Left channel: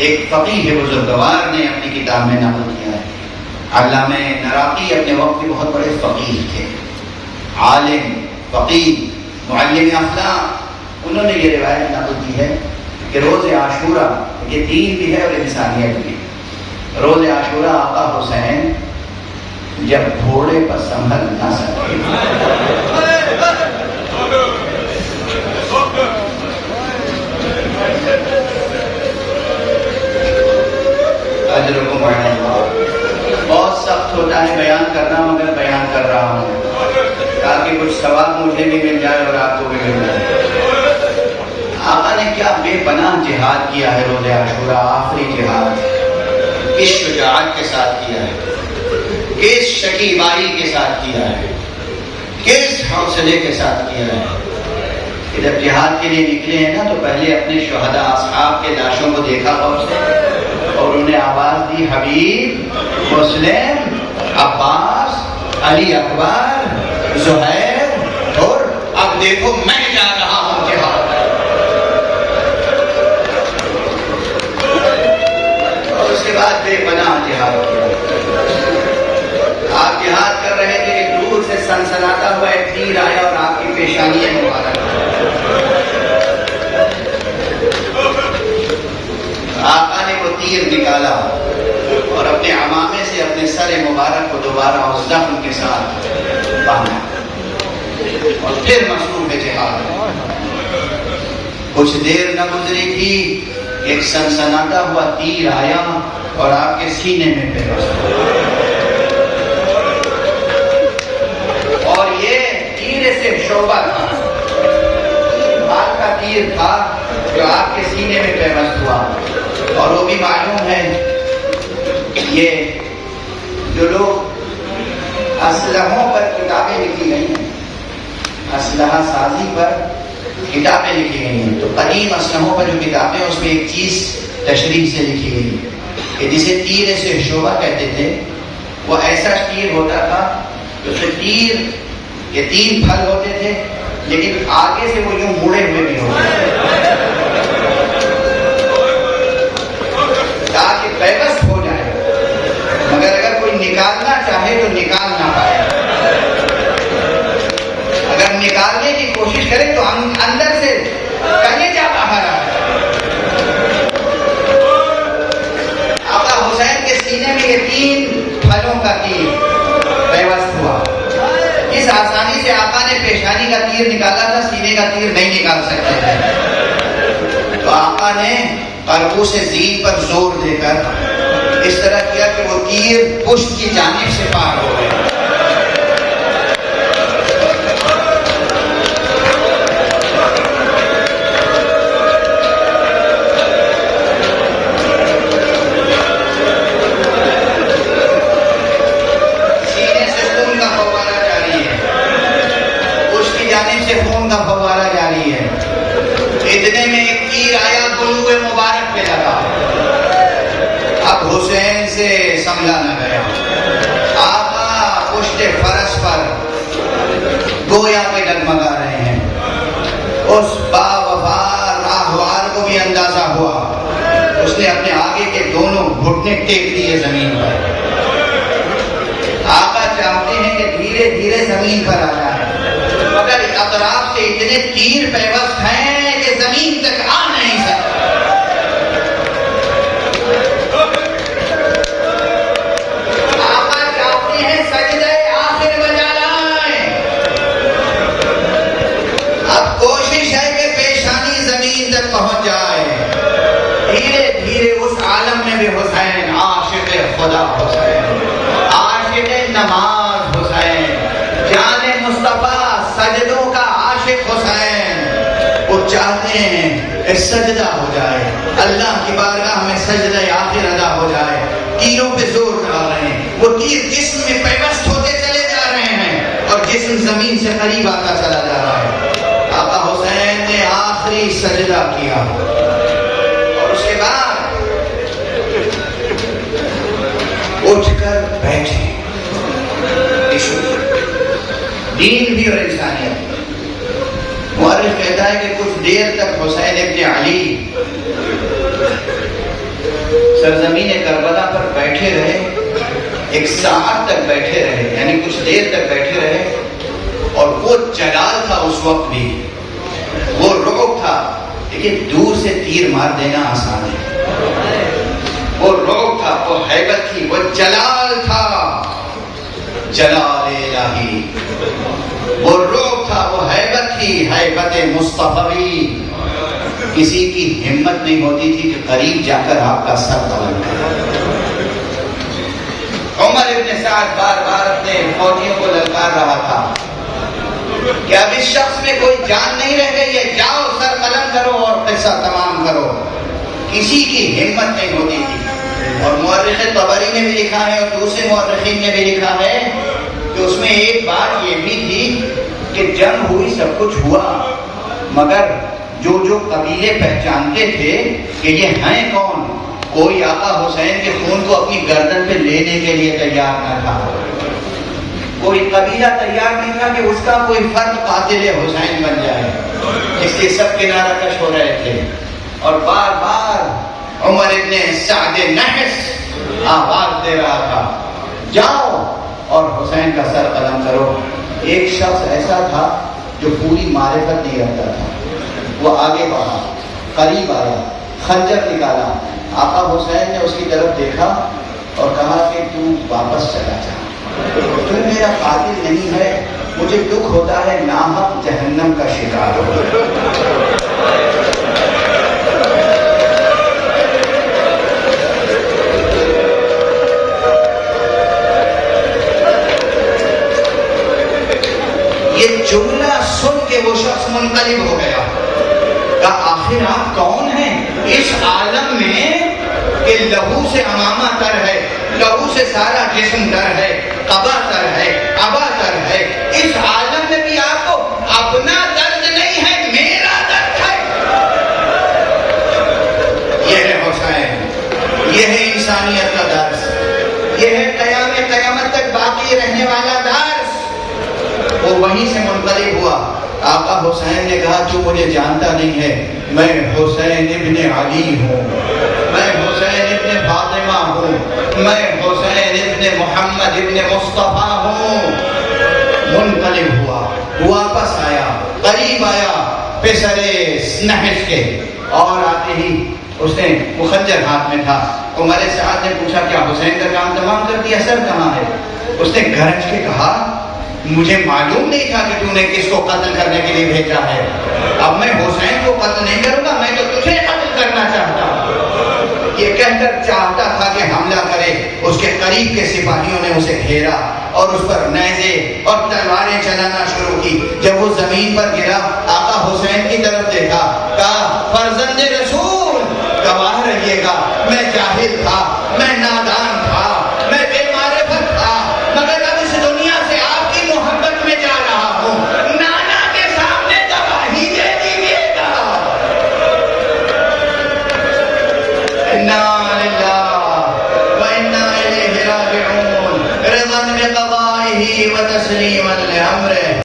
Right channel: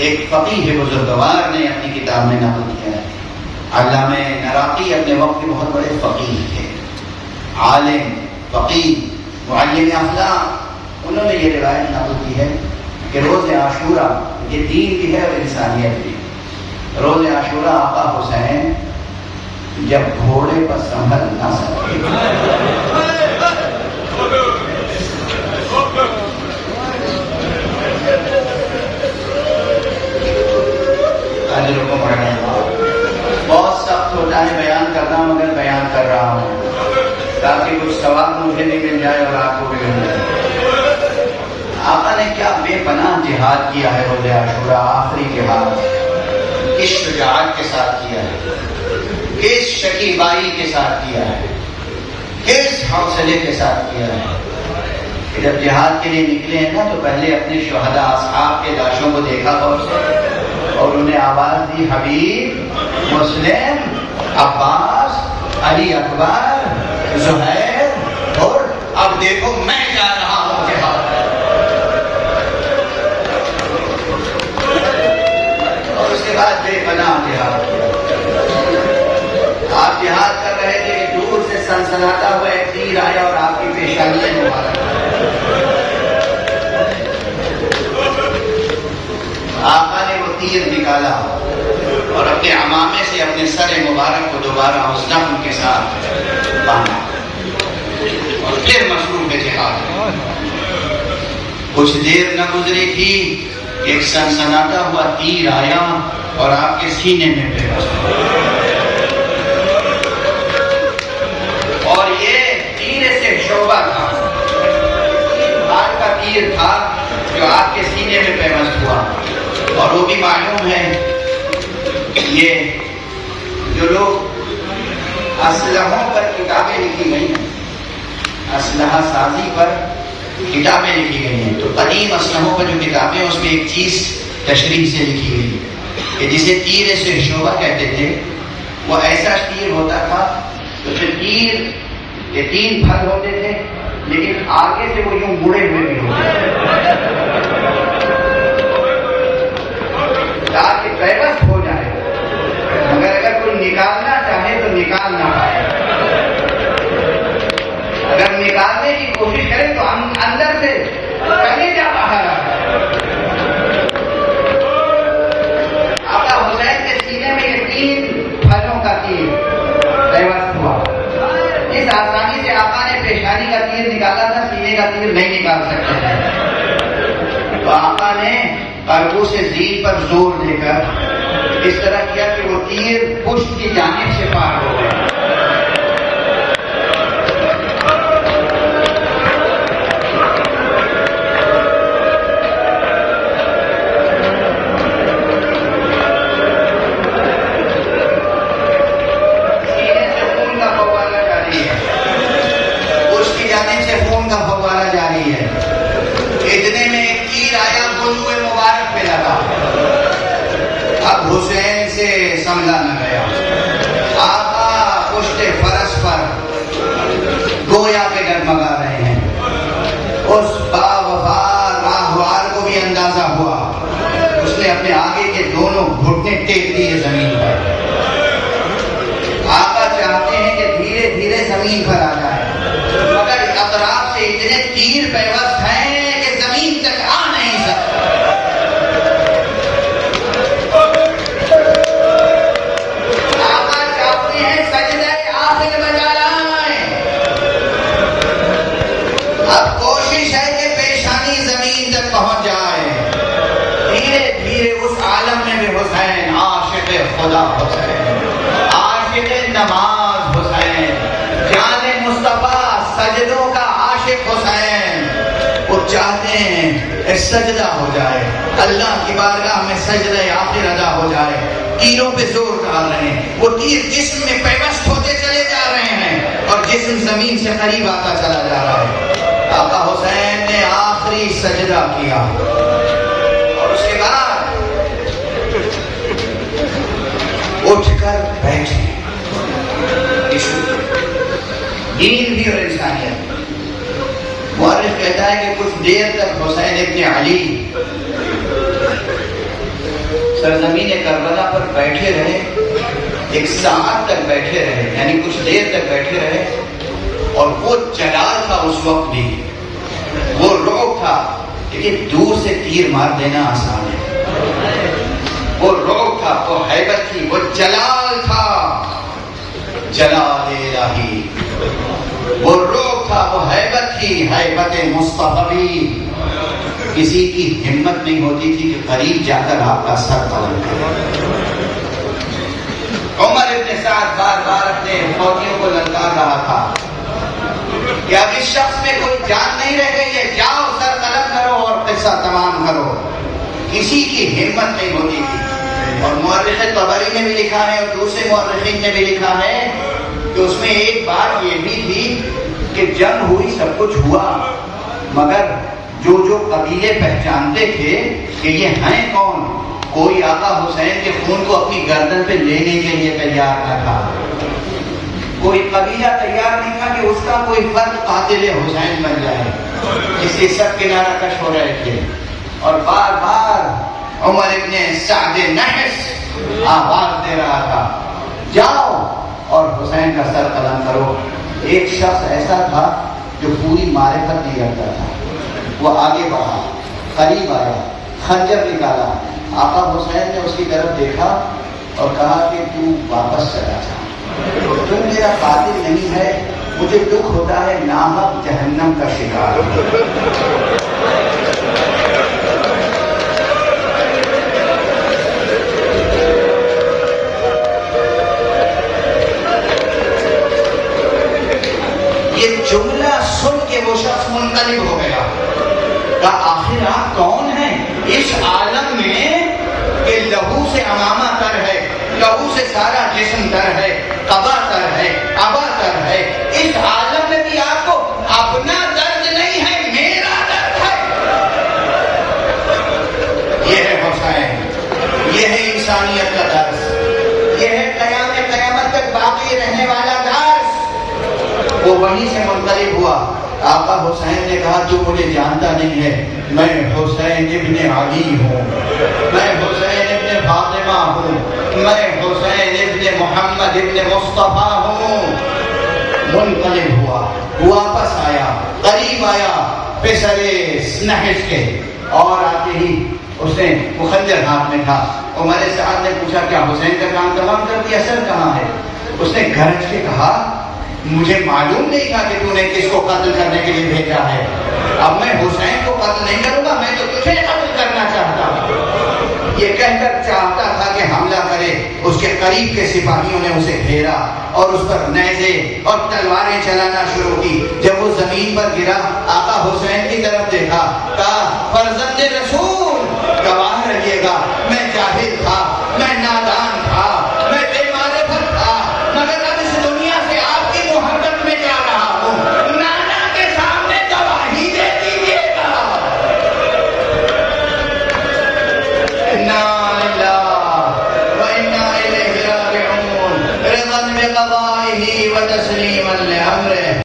ایک فقیہ بزرگوار نے اپنی کتاب میں نقل کیا ہے. علامہ نراقی اپنے وقت کے بہت بڑے فقیہ تھے، عالم، فقیہ، معلم اخلاق. انہوں نے یہ روایت نقل کی ہے کہ روز عاشورہ، یہ دین بھی ہے اور انسانیت بھی. روز عاشورہ آقا حسین جب گھوڑے پر سنبھل نہ سکے، بہت سخت ہوتا ہے بیان کرنا، مگر بیان کر رہا ہوں تاکہ کچھ ثواب مجھے بھی مل جائے اور آپ کو بھی مل جائے. آقا نے کیا بے پناہ جہاد کیا ہے روز عاشورہ، آخری جہاد کس شجاعت کے ساتھ کیا ہے، کس شکیبائی کے ساتھ کیا ہے، کس حوصلے کے ساتھ کیا ہے. کہ جب جہاد کے لیے نکلے ہیں نا تو پہلے اپنے شہداء اصحاب کے لاشوں کو دیکھا پہنچے اور انہیں آواز دی، حبیب، مسلم، عباس، علی اکبر، زہیر، اور اب دیکھو میں جا رہا ہوں جہاد. اور اس کے بعد بے پناہ جہاد کیا. آپ جہاد کر رہے تھے کہ دور سے سنسناتا ہوا ایک تیر آیا اور آپ کی پیشانی مبارک. آقا نے وہ تیر نکالا اور اپنے عمامے سے اپنے سر مبارک کو دوبارہ اس زخم کے ساتھ باندھا اور پھر مشروع جہاد. کچھ دیر نہ گزری تھی، ایک سنسناتا ہوا تیر آیا اور آپ کے سینے میں پیوست ہوا. اور یہ تیر سے شعبہ تھا، بھار کا تیر تھا جو آپ کے سینے میں پیوست ہوا. اور وہ بھی معلوم ہے، یہ جو لوگ اسلحوں پر کتابیں لکھی گئی ہیں، اسلحہ سازی پر کتابیں لکھی گئی ہیں، تو قدیم اسلحوں پر جو کتابیں اس میں ایک چیز تشریح سے لکھی گئی کہ جسے تیر سے شعبہ کہتے تھے. وہ ایسا تیر ہوتا تھا تو پھر تیر یہ 3 پھل ہوتے تھے لیکن آگے سے وہ یوں مڑے ہوئے بھی ہوتے تھے تاکہ پیوست ہو جائے، مگر اگر کوئی نکالنا چاہے تو نکال نہ پائے. اگر نکالنے کی کوشش کرے تو ہم اندر سے کلیجہ باہر آ جائے. آقا حسین کے سینے میں یہ 3 پھلوں کا تیر پیوست ہوا. اس آسانی سے آقا نے پیشانی کا تیر نکالا تھا، سینے کا تیر نہیں نکال سکتے تھے. تو آقا نے قربو سے زین پر زور دے کر اس طرح کیا کہ وہ تیر پشت کی جانب سے پار ہو گئے. سینے سے خون کا فوارہ جاری ہے، پشت کی جانب سے خون کا فوارہ جاری ہے. اتنے میں ایک تیر آیا، گلوے مبارک پہ لگا. اب حسین سے سنبھلا نہ گیا. آقا پشت فرس پر گویا کے ڈگمگا رہے ہیں. اس باوفا راہوار کو بھی اندازہ ہوا. اس نے اپنے آگے کے دونوں گھٹنے ٹیک دیے زمین پر. آقا چاہتے ہیں کہ دھیرے دھیرے زمین پر آ جائے، مگر اطراف سے اتنے تیر پیوست ہیں کہ زمین تک آ نہیں سکتا. آقا چاہتے ہیں سجدہ آخر بجا لائیں. اب کوشش ہے کہ پیشانی زمین تک پہنچ جائے. دھیرے دھیرے اس عالم میں بھی حسین، عاشق خدا حسین، عاشق نماز حسین، جان مصطفیٰ سجدوں کا عاشق حسین، وہ چاہتے ہیں سجدہ ہو جائے، اللہ کی بارگاہ میں سجدہ آخر ادا ہو جائے. تیروں پہ زور ڈال رہے ہیں، وہ تیر جسم میں پیوست ہوتے چلے جا رہے ہیں اور جسم زمین سے قریب آتا چلا جا رہا ہے. آقا حسین نے آخری سجدہ کیا اور اس کے بعد اٹھ کر بیٹھے. دین بھی اور انسانیت. مورخ کہتا ہے کہ کچھ دیر تک حسین ابن علی سرزمین کربلا پر بیٹھے رہے، 1 ساعت تک بیٹھے رہے، یعنی کچھ دیر تک بیٹھے رہے، اور وہ جلال تھا اس وقت بھی، وہ رعب تھا۔ لیکن دور سے تیر مار دینا آسان ہے، وہ رعب تھا، وہ ہیبت تھی، وہ جلال تھا، جلال الہی، وہ رعب تھا، وہ ہیبت تھی، ہیبت مصطفی۔ کسی کی ہمت نہیں ہوتی تھی کہ قریب جا کر آپ کا سر قلم کرے۔ عمر ابن سعد بار بار اپنے فوجیوں کو للکار رہا تھا کہ اب اس شخص میں کوئی جان نہیں رہ گئی ہے، جاؤ سر قلم کرو اور قصہ تمام کرو۔ کسی کی ہمت نہیں ہوتی تھی۔ اور مورخ طبری نے بھی لکھا ہے اور دوسرے مورخین نے بھی لکھا ہے کہ اس میں ایک بات یہ بھی تھی کہ جنگ ہوئی، سب کچھ ہوا، مگر جو قبیلے پہچانتے تھے کہ یہ ہیں کون، کوئی آقا حسین کے خون کو اپنی گردن پہ لینے کے لیے تیار نہ تھا، کوئی قبیلہ تیار نہیں تھا کہ اس کا کوئی فرد قاتل حسین بن جائے، اس لیے سب کنارہ کش ہو رہے تھے۔ اور بار بار عمر ابن سعد نحس آواز دے رہا تھا، جاؤ اور حسین کا سر قلم کرو۔ ایک شخص ایسا تھا جو پوری معرفت نہیں رکھتا تھا، وہ آگے بڑھا، قریب آیا، خنجر نکالا۔ آقا حسین نے اس کی طرف دیکھا اور کہا کہ تو واپس چلا جا، تو میرا قاتل نہیں ہے، مجھے دکھ ہوتا ہے ناحق جہنم کا شکار ہو۔ یہ جملہ سن کے وہ شخص منقلب ہو گیا، کہا آخر آپ کون ہیں اس عالم میں کہ لہو سے امامہ تر ہے، لہو سے سارا جسم تر ہے، قبا تر ہے، ابا تر ہے، اس عالم میں بھی آپ کو اپنا درد نہیں ہے، میرا درد ہے۔ یہ ہے حسین، یہ ہے انسانیت کا درس، یہ ہے قیامت تک باقی رہنے والا درس۔ وہ وہیں سے منقلب ہوا۔ آقا حسین نے کہا تو مجھے جانتا نہیں ہے، میں حسین ابن علی ہوں، میں حسین ابن فاطمہ ہوں، میں حسین ابن محمد ابن مصطفیٰ ہوں۔ منقلب ہوا، واپس آیا، قریب آیا پسرے نحس کے، اور آتے ہی اس نے وہ خنجر ہاتھ میں تھا۔ عمر سعد نے پوچھا کیا حسین کا کام تمام کر دیا، سر کہاں ہے؟ اس نے گرج کے کہا مجھے معلوم نہیں تھا کہ تو نے کس کو قتل کرنے کے لیے بھیجا ہے، اب میں حسین کو قتل نہیں کروں گا، میں تو تجھے قتل کرنا چاہتا ہوں۔ یہ کہہ کر چاہتا تھا کہ حملہ کرے، اس کے قریب کے سپاہیوں نے اسے گھیرا اور اس پر نیزے اور تلواریں چلانا شروع کی۔ جب وہ زمین پر گرا، آقا حسین کی طرف دیکھا، کہا فرزند رسول گواہ رہیے گا، میں جاہل تھا، میں نادان